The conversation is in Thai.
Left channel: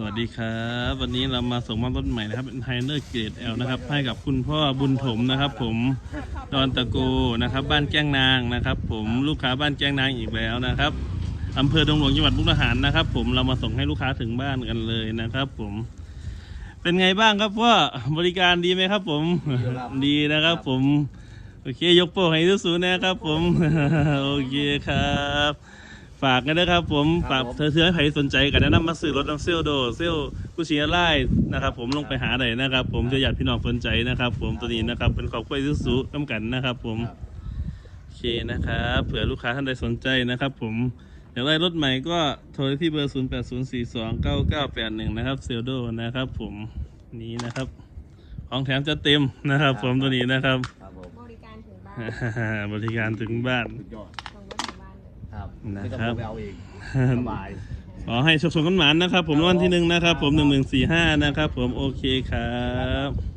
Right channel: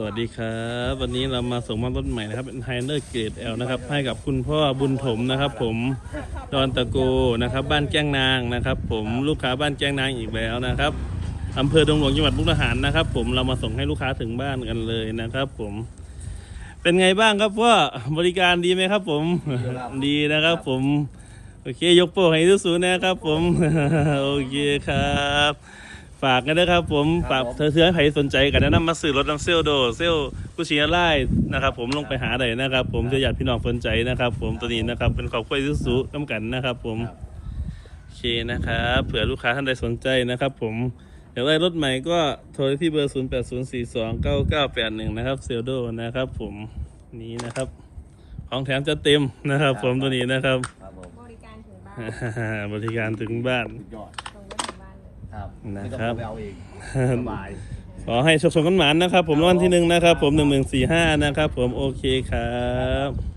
สวัสดีครับ วันนี้เรามาส่งมอบรถใหม่นะครับเป็นไฮเนอร์เกรดเอลนะครับ ให้กับคุณพ่อบุญถมนะครับ ผมดอนตะโกนะครับ บ้านแก้งนางนะครับ ผมลูกค้าบ้านแก้งนางอีกแล้วนะครับอำเภอดงหลวงจังหวัดมุกดาหารนะครับ ผมเรามาส่งให้ลูกค้าถึงบ้านกันเลยนะครับ ผม เป็นไงบ้างครับพ่อบริการดีไหมครับ ผมดีนะครับ ผมโอเค ยกโป้งให้สู้ๆนะครับ ผมโอเคครับ ฝากกันนะครับผมฝากเธอเธอใครสนใจกันแนะนำมาซื้อรถน้ำเซลโดเซลกุชิอาไล่นะครับ ผมลงไปหาได้นะครับ ผมจะอยากพี่น้องสนใจนะครับ ผมตัวนี้นะครับเป็นขอบคุยสุๆน้ำกันนะครับ ผมโอเคนะครับเผื่อลูกค้าท่านใดสนใจนะครับ ผมอยากได้รถใหม่ก็โทรที่เบอร์ 0 8 0 4 2 9 9 8 1 นะครับเซลโดนะครับ ผมนี้นะครับของแถมจะเต็มนะครับ ผมตัวนี้นะครับครับผมบริการถึงบ้านบริการถึงบ้าน ครับนะครับไม่ต้องเอาไปเอาเองสบาย ขอให้โชคชนกันหมานนะครับ ผมรางวัลที่หนึ่งนะครับ ผมหนึ่งหนึ่งสี่ห้านะครับ ผมโอเคครับ